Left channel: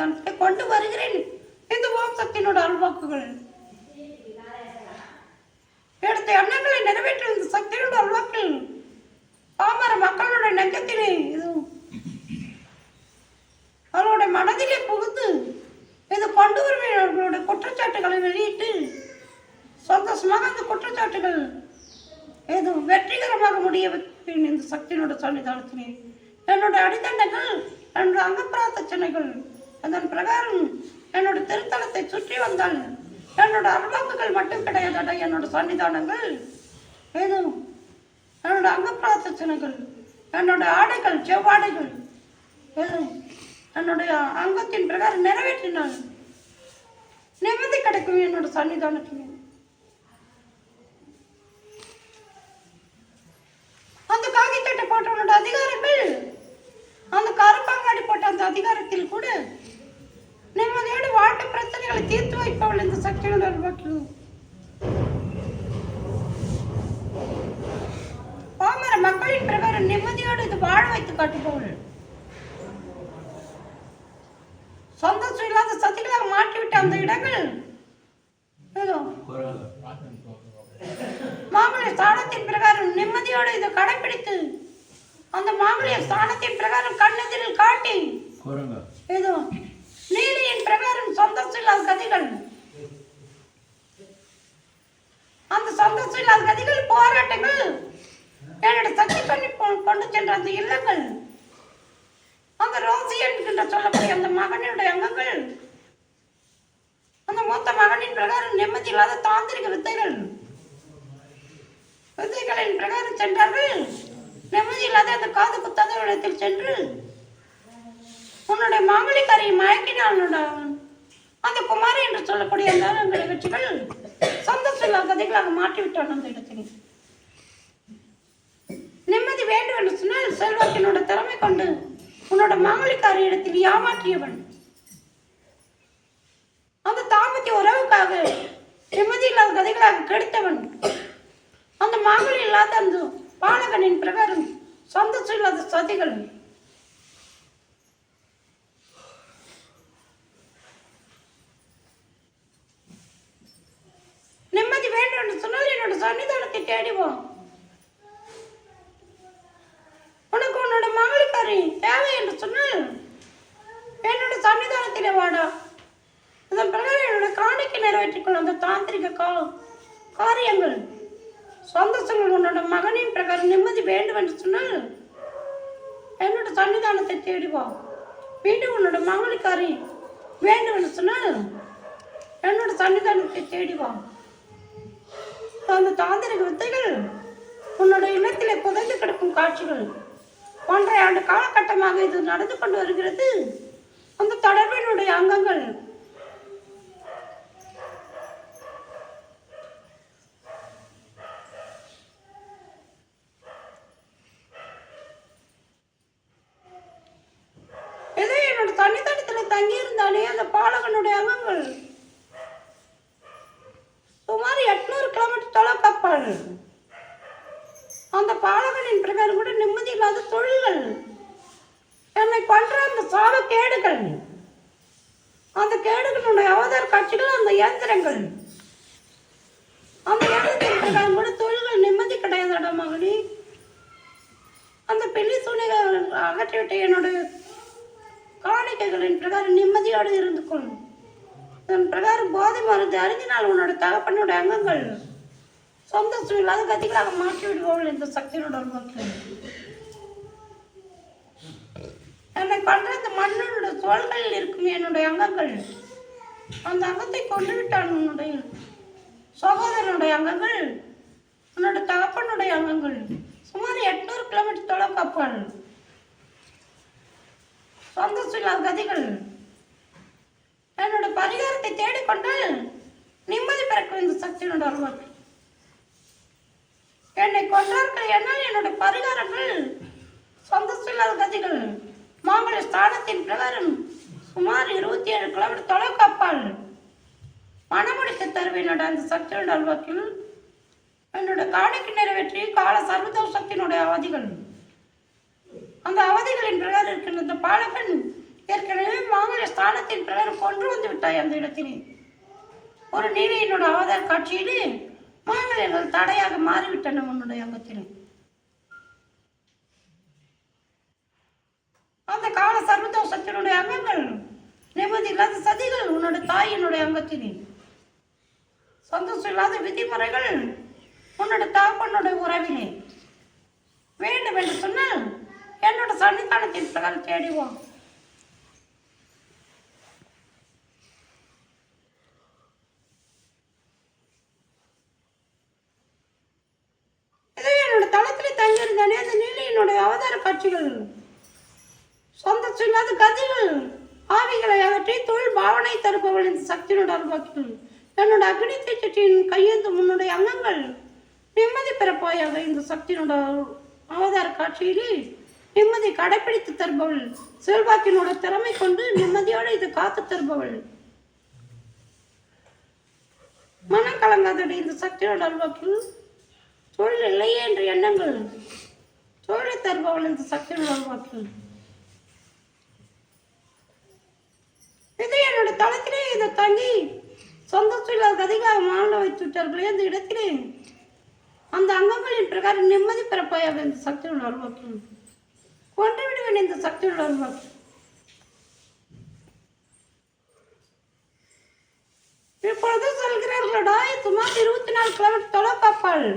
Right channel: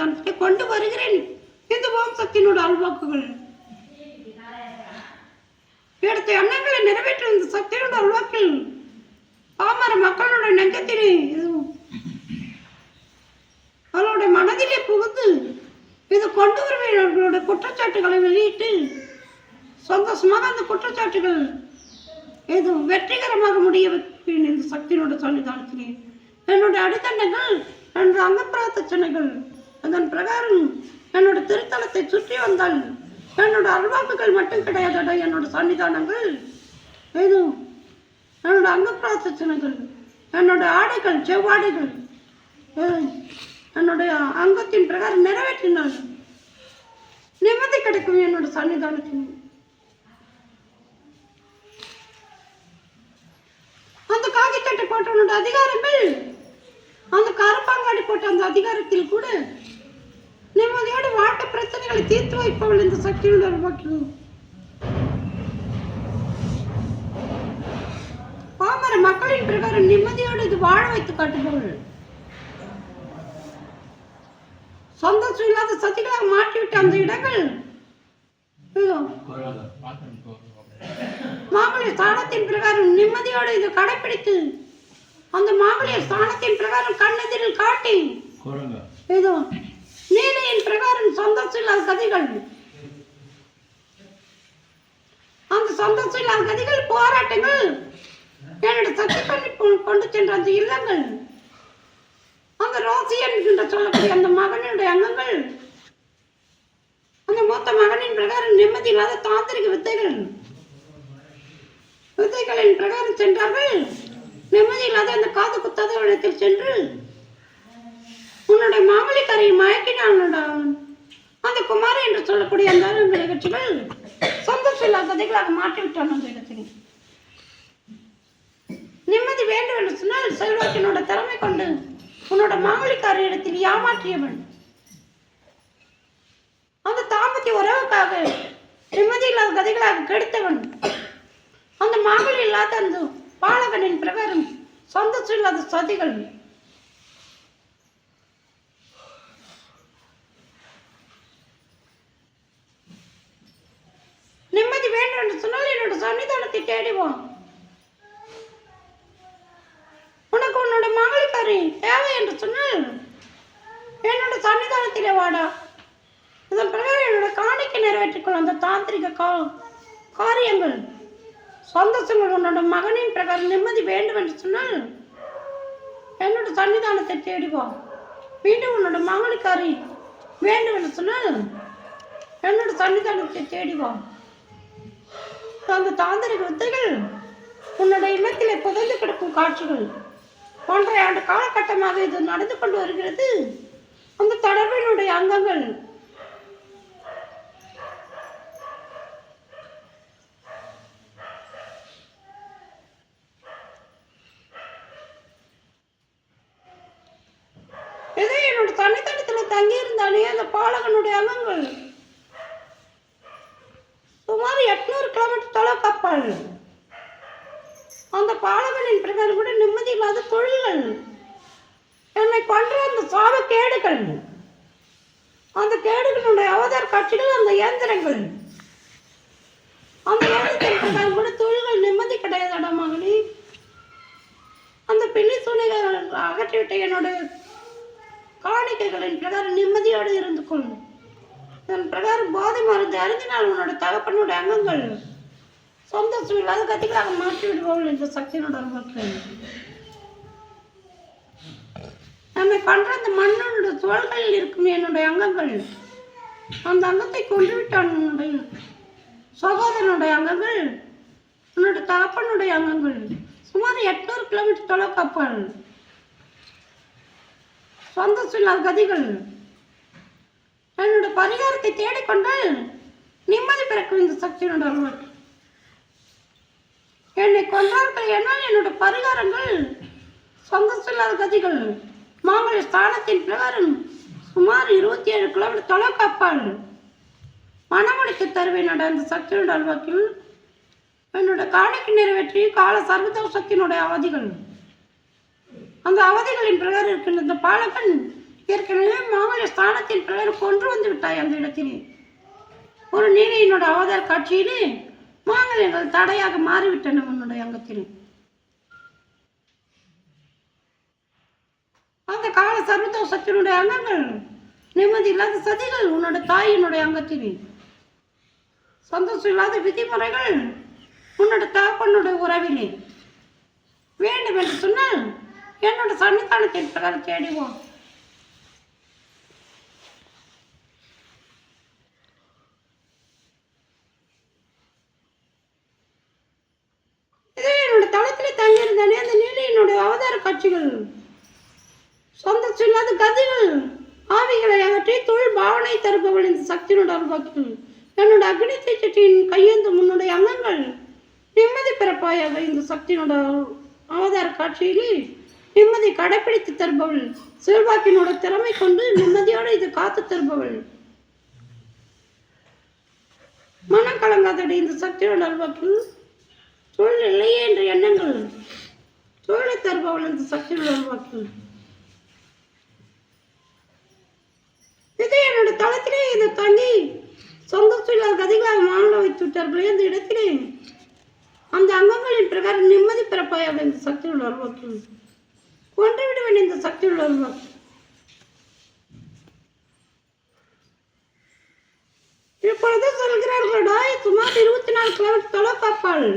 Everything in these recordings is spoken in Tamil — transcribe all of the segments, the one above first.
சன்னிதானத்தை கொண்டு வருகிறேன். இந்த ஓம் சக்தியினோட அல்வாக்குகள் எடுத்த எண்ணங்களை நிறைவேற்றும் இந்த சக்தியோட அல்வாக்கள் பாமர மக்களோட நெஞ்சத்திலே இது அவளோட மனதிலே புகுந்து இது கொண்டு வருவர்களுடைய குற்றச்சாட்டுகளை வெளியிட்டு சந்தோஷமாக அந்த குற்றச்சாட்டுகள் இது வெற்றிகரமாக முடிய வைப்பேன். இந்த சக்தியினோட சன்னிதானத்திலே என்னுடைய அடித்தண்டங்கள் என்னுடைய அங்கப்பிரார்த்தனைகள் அதன் பிரகாரம் என்னோட திருத்தலத்தை சுற்றி வந்தால் என்னோட அல்வாக்குகள் மட்டும் கிடையாதட. என்னோட சன்னிதானங்கள் இது என்னோட அங்கப்பிரார்த்தனைகள் என்னோட ஆடைகள் செவ்வாடைகள் என்னுடைய அங்கத்தின் பிரகாரம் நிறைவேற்றினால் நிம்மதி கிடைக்கும். என்னோட சன்னிதானத்தின் அந்த காகித்தட்டை போட்டவனோட அதிகாரங்கள் அந்த கருப்பாங்காடி போட்ட அந்த அதிகாரத்தில் கூட நிம்மதியோடு வாழ்க்கை பிரச்சனைகளை தீர்த்து வைப்பவள் இந்த சக்தியினுடைய வாக்கியம். பாமர மக்களின் பிரகாரம் நிம்மதியோடு இது வாழ வைத்து காட்டுபவள். சந்தோஷம் இல்லாத சக்திகளாக மாற்றிவிட்ட அந்த இடங்கள் மாங்கல்ய ஸ்தானத்தின் பிரகாரம் நிம்மதியோடு இதை கடைபிடித்து அந்த மாங்கல்ய ஸ்தானத்தின் பிரகாரம் கண்ணெதிரில் காட்டி இதோ நீலியின் பிரகாரம் சந்தோஷம் இல்லாத கதிகள் அந்த சந்தோஷம் இல்லாத கதிகள் போராட்டங்கள் என்னோட சக்தி பண்ணி கொண்டு சென்ற அந்த இல்லங்கள் அந்த ரோசி என்கின்ற சொல்லக்கூடிய அந்த மகனுடைய அங்கங்கள் அந்த மூத்த மகனின் பிரகாரம் நிம்மதி இல்லாத தாந்திரிக வித்தைகளின் பிரகாரம் சென்றார்கள். நிம்மதி இல்லாத அந்த காது குத்தாத இடத்தில் சென்று உன்னுடைய மாமலிக்காரியை மயக்கினான் அந்த குமாரி என்று சொல்லக்கூடிய அந்த நிகழ்ச்சிகள் சந்தோஷம் இல்லாத கதைகளாக மாற்றிவிட்டான். அந்த இடத்தில் நிம்மதி வேண்டும் என்று சொன்னால் செல்வாக்கினோட திறமை கொண்டு உன்னோட மாமலிக்காரி இடத்தில் ஏமாற்றியவன் அந்த தாம்பத்திய உறவுக்காக நிம்மதி இல்லாத கதைகளாக கெடுத்தவன் அந்த மாங்கல்யம் இல்லாத அந்த பாலகனின் பிரகாரம் சந்தோஷம் இல்லாத சதிகள் நிம்மதி வேண்டும் என்று சொன்னால் என்னோட சன்னிதானத்தை தேடிவோம். உனக்கு உன்னோட மாங்கல்யக்காரி தேவை என்று சொன்னால் என்னோட சன்னிதானத்திலே வாடா. அதன் பிரகாரம் என்னோட காணிக்கை நிறைவேற்றிக்கொள்ள அந்த தாந்திரிக காரியங்கள் சந்தோஷங்கள் உன்னோட மகனின் பிரகாரம் நிம்மதி வேண்டும் என்று சொன்னால் என்னோட சன்னிதானத்தை தேடிவோம். மீண்டும் உன்னோட மாங்கல்யக்காரி வேண்டும் என்று சொன்னால் என்னோட சன்னிதானத்தை தேடிவோம். அந்த தாந்திரிக வித்தைகள் உன்னோட இல்லத்திலே புதைந்து கிடக்கும் காட்சிகள் 1.5 ஆண்டு காலகட்டமாக இது நடந்து கொண்டு வருகிறது. அந்த தொடர்பினுடைய அங்கங்கள் ஏதோ என்னோட தன்னித்தனத்தில் தங்கியிருந்தாலே அந்த பாலகனுடைய அங்கங்கள் சுமார் 800 கிலோமீட்டர் தொலைவு கப்பால் அந்த பாலகனின் பிரகாரம் கூட நிம்மதி இல்லாத தொழில்கள் என்னை கொன்ற அந்த சாவ கேடுகள் அந்த கேடுகளுடைய அவதார காட்சிகள் அந்த இயந்திரங்கள் அந்த இயந்திரத்தின் பிரகாரம் கூட தொழில்கள் நிம்மதி கிடையாதடா மகளி. அந்த பின்னி துணிகள் அகற்றிவிட்ட என்னுடைய காணிக்கைகளின் பிரகாரம் நிம்மதியோடு இருந்து கொள்ளும். அதன் பிரகாரம் போதை மருந்து அறிஞ்சினால் உன்னோட தகப்பனுடைய அங்கங்கள் சந்தோஷம் இல்லாத கதிகளாக மாற்றி விடுவார்கள். இந்த சக்தியோட மக்கள் நம்மை கொன்ற அந்த மண்ணோட தோள்களில் இருக்கும் என்னுடைய அங்கங்கள் அந்த அங்கத்தை கொண்டு விட்டான். உன்னுடைய சகோதரனுடைய அங்கங்கள் உன்னோட தகப்பனுடைய அங்கங்கள் சுமார் 800 கிலோமீட்டர் தொலைவு கப்பால் சந்தோஷம் இல்லாத கதிகள் என்னோட பரிகாரத்தை தேடிக்கொண்டால் நிம்மதி பிறக்கும். இந்த சக்தியோட அருள் என்னை கொன்றார்கள் என்னால் என்னோட பரிகாரங்கள் சந்தோஷம் இல்லாத கதிகள் மாங்கல்ய ஸ்தானத்தின் பிரகாரம் சுமார் 27 கிலோமீட்டர் தொலைவு கப்பால் மனமுடித்து தருவேன். அந்த சக்தியோட அல்வாக்கில் என்னோட காணிக்கை நிறைவேற்றி கால சர்வதோஷத்தினுடைய அவதிகள் அந்த அவதிகளின் பிரகாரம் இருக்கின்ற இந்த பாலகன் ஏற்கனவே மாங்கல்ய ஸ்தானத்தின் பிரகாரம் கொன்று வந்து விட்டாய் அந்த இடத்திலே. ஒரு நீலியினோட அவதார காட்சியிலே மாங்கல்யங்கள் தடையாக மாறிவிட்டன உன்னுடைய அங்கத்தில். அந்த கால சர்வதோஷத்தினுடைய அங்கங்கள், நிம்மதி இல்லாத சதிகள் உன்னோட தாயினுடைய அங்கத்திலே, சந்தோஷம் இல்லாத விதிமுறைகள் உன்னோட தாப்பனுடைய உறவிலே. வேண்டும் என்று சொன்னால் என்னோட சன்னிதானத்தின் பிரகாரம் தேடிவோம். இதே என்னோட தளத்திலே தங்கியிருந்தானே அந்த நீலியினுடைய அவதார காட்சிகள், சந்தோஷம் இல்லாத கதிகள், ஆவிகளை அகற்றி தொழில் பாவனை தருபவள் இந்த சக்தியினோட அருள்வாக்குகள், என்னோட அக்னி தீச்சட்டியின் கையேந்தும் உன்னுடைய அங்கங்கள் நிம்மதி பிறப்பாயாக இந்த சக்தியினோட அவதார காட்சியிலே நிம்மதி கடைப்பிடித்து தருபவள், செல்வாக்கினோட திறமை கொண்டு நிம்மதியோடு இது காத்து தருபவள், மனம் கலங்காதடி இந்த சக்தியோட அல்வாக்கு, தொழில் இல்லையே என்ற எண்ணங்கள் தொழிலை தருபவள் இந்த சக்தியோட அல்வாக்கு. இது என்னோட தளத்திலே இதை தங்கி சந்தோஷம் இல்லாத கதிகளாக மாண்ட வைத்து விட்டார்களே அந்த இடத்திலே அந்த அங்கங்களின் பிரகாரம் நிம்மதி பிறப்பாயாக இந்த சக்தியோட அல்வாக்கு. கொன்று விடுவேன் இந்த சக்தியோட அல்வாக்கு. இப்பொழுது சொல்கிறார்களா, சுமார் 24 கிலோமீட்டர் தொலை காப்பாள்.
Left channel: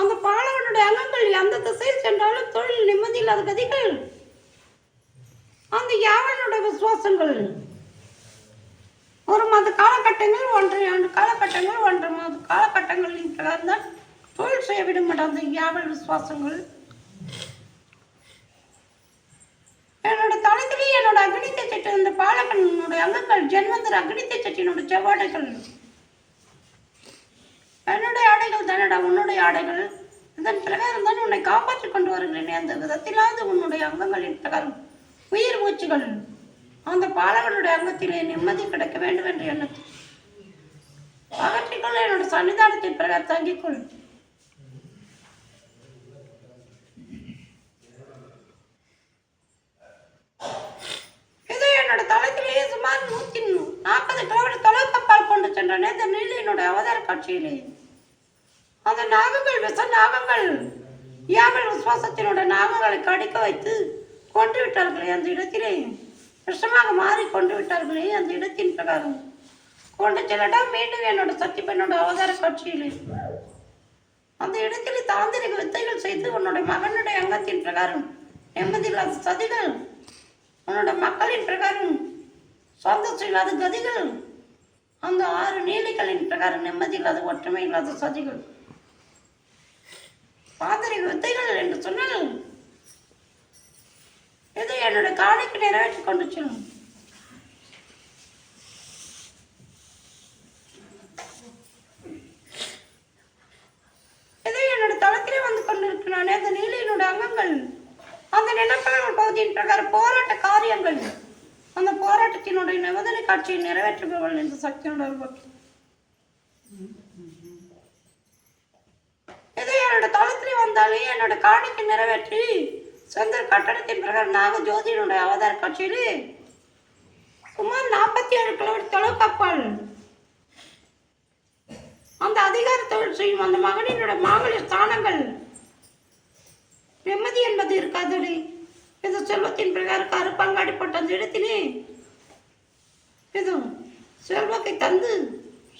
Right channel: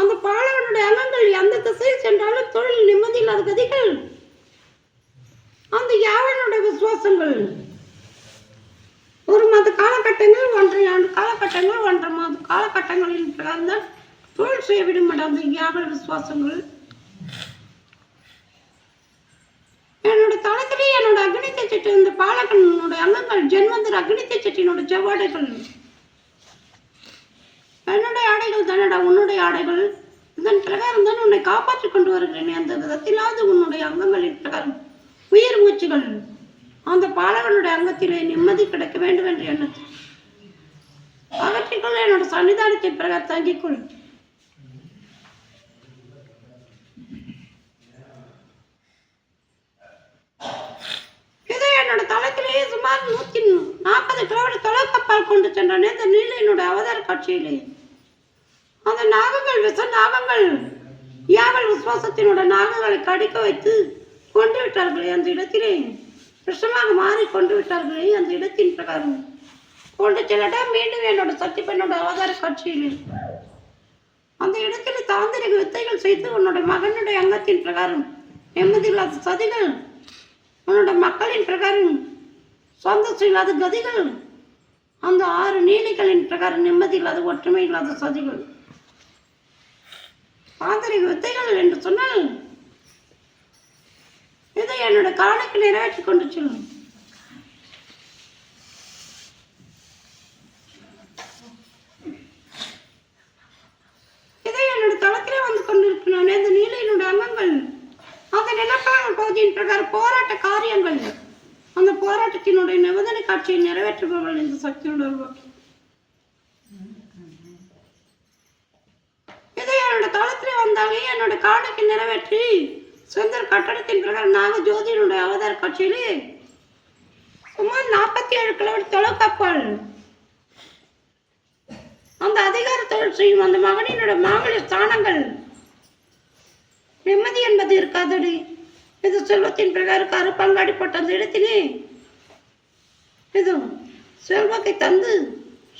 அந்த பாலவனுடைய அங்கங்கள் எந்த திசையில் சென்றாலும் தொழில் நிம்மதி இல்லாத கதிகள், அந்த யாவனுடைய விசுவாசங்கள், ஒரு மாத காலகட்டங்கள், 1.5 ஆண்டு காலகட்டங்கள், 1.5 மாத காலகட்டங்களில் பிறந்த தொழில் செய்ய விட மாட்டார் அந்த யாவல் விசுவாசங்கள். என்னோட தளத்திலே என்னோட அக்னி தீச்சட்டி, இந்த பாலகனுடைய அங்கங்கள் ஜென்மந்தர் அக்னி தீச்சட்டியினோட செவ்வாடைகள், என்னுடைய ஆடைகள் தானடா உன்னுடைய ஆடைகள். இதன் பிரகாரம் தான் உன்னை காப்பாற்றிக் கொண்டு வருகிறேன். அந்த விதத்திலாவது உன்னுடைய அங்கங்களின் பிரகாரம் உயிர் மூச்சுகள் அந்த பாலகனுடைய அங்கத்திலே நிம்மதி கிடைக்க வேண்டும் என்று எண்ணத்தில் அகற்றிக்கொள்ள என்னோட சன்னிதானத்தின் பிரகாரம் தங்கிக்கொள். இதை என்னோட தளத்திலேயே சுமார் 140 கிலோமீட்டர் தொலைக்கப்பால் கொண்டு சென்றனே இந்த நீலியினுடைய அவதார காட்சியிலே அந்த நாகங்கள், விஷ நாகங்கள், யாவல் விசுவாசத்தினுடைய நாகங்களை கடிக்க வைத்து கொண்டு விட்டார்களே அந்த இடத்திலே, விஷமாக மாறி கொண்டு விட்டார்களே அந்த இடத்தின் பிரகாரம் கொண்டு செல்லட்டா மீண்டும் என்னோட சக்தி பெண்ணோட அவதார காட்சியிலே அந்த இடத்திலே தாந்திரிக வித்தைகள் செய்து உன்னோட மகனுடைய அங்கத்தின் பிரகாரம் நிம்மதி இல்லாத சதிகள், உன்னோட மக்களின் பிரகாரம் சந்தோஷம் இல்லாத கதிகள், அந்த 6 நீலிகளின் பிரகாரம் நிம்மதி இல்லாத ஒற்றுமை இல்லாத சதிகள், தாந்திரிக வித்தைகள் என்று சொன்னால் இதை என்னோட காணிக்கு நிறைவேற்றி கொண்டு செல்லும். இதை என்னோட தளத்திலே வந்து கொண்டிருக்கிறானே அந்த நீலியினுடைய அங்கங்கள், அந்த நிலப்பரங்கள் பகுதியின் பிரகாரம் போராட்ட காரியங்கள், அந்த போராட்டத்தினுடைய நிபந்தனை காட்சியை நிறைவேற்றுபவர்கள் இந்த சக்தியோட உருவாக்கி. இதை என்னோட தளத்திலே வந்தாலே என்னோட காணிக்கு நிறைவேற்றி சுந்தர் கட்டடத்தின் பிரகாரம் நாக ஜோதியினுடைய அவதார காட்சியிலே சுமார் 47 கிலோமீட்டர் தொலைக்காப்பாள் அந்த அதிகார தொழில் செய்யும் அந்த மகனினோட மாங்கல்ய ஸ்தானங்கள் நிம்மதி என்பது இருக்காதடி. இது செல்வத்தின் பிரகாரம் கருப்பங்காடி போட்ட அந்த இடத்திலே இது செல்வாக்கை தந்து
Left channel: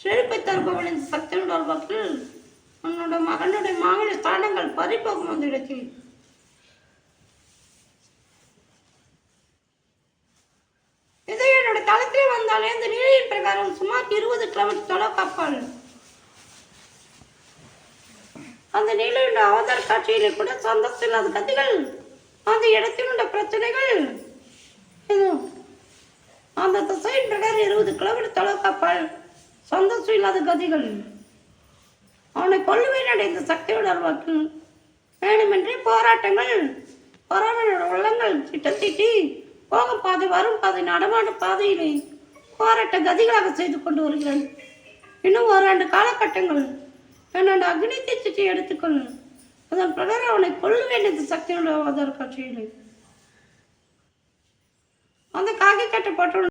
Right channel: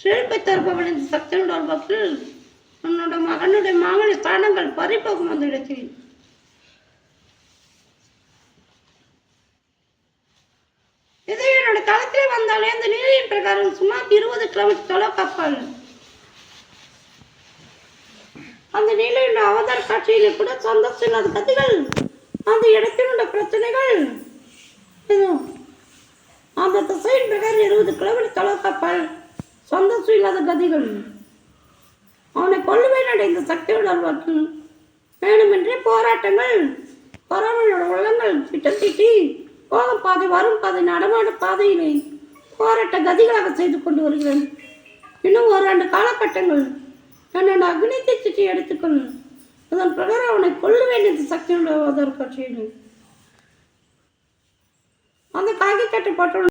செழிப்பை தருபவள் இந்த சக்தியோட அல்வாக்கள் உன்னோட மகனுடைய மாங்கல்ய ஸ்தானங்கள் பறிப்போகும் அந்த இடத்தில். இது என்னோட தளத்திலே வந்தாலே அந்த நீரின் பிரகாரம் சுமார் 20 கிலோமீட்டர் தொலைக்காப்பாள் அந்த நீலையுடைய அவதார காட்சியிலே கூட சந்தோஷம் இல்லாத கதிகள், அந்த இடத்தினுடைய பிரச்சனைகள், அந்த திசையின் பிரகாரம் 20 கிலோமீட்டர் தொலைக்காப்பாள் சந்தோஷம் இல்லாத கதிகள், அவனை கொல்லுவேன் இந்த சக்தியோட அல்வாக்கு. வேணுமென்றே போராட்டங்கள், பறவையோட உள்ளங்கள் திட்டத்திட்டி போகும் பாதை, வரும் பாதை, நடமாட பாதையிலே போராட்ட கதிகளாக செய்து கொண்டு வருகிறேன். இன்னும் 1 ஆண்டு காலகட்டங்கள் என்னோட அக்னி தீச்சட்டி எடுத்துக்கொள். அதன் பிரகாரம் அவனை கொல்ல வேண்டியது சக்தியோட அவதார காட்சியிலே அந்த காக்கி சட்டை போட்டு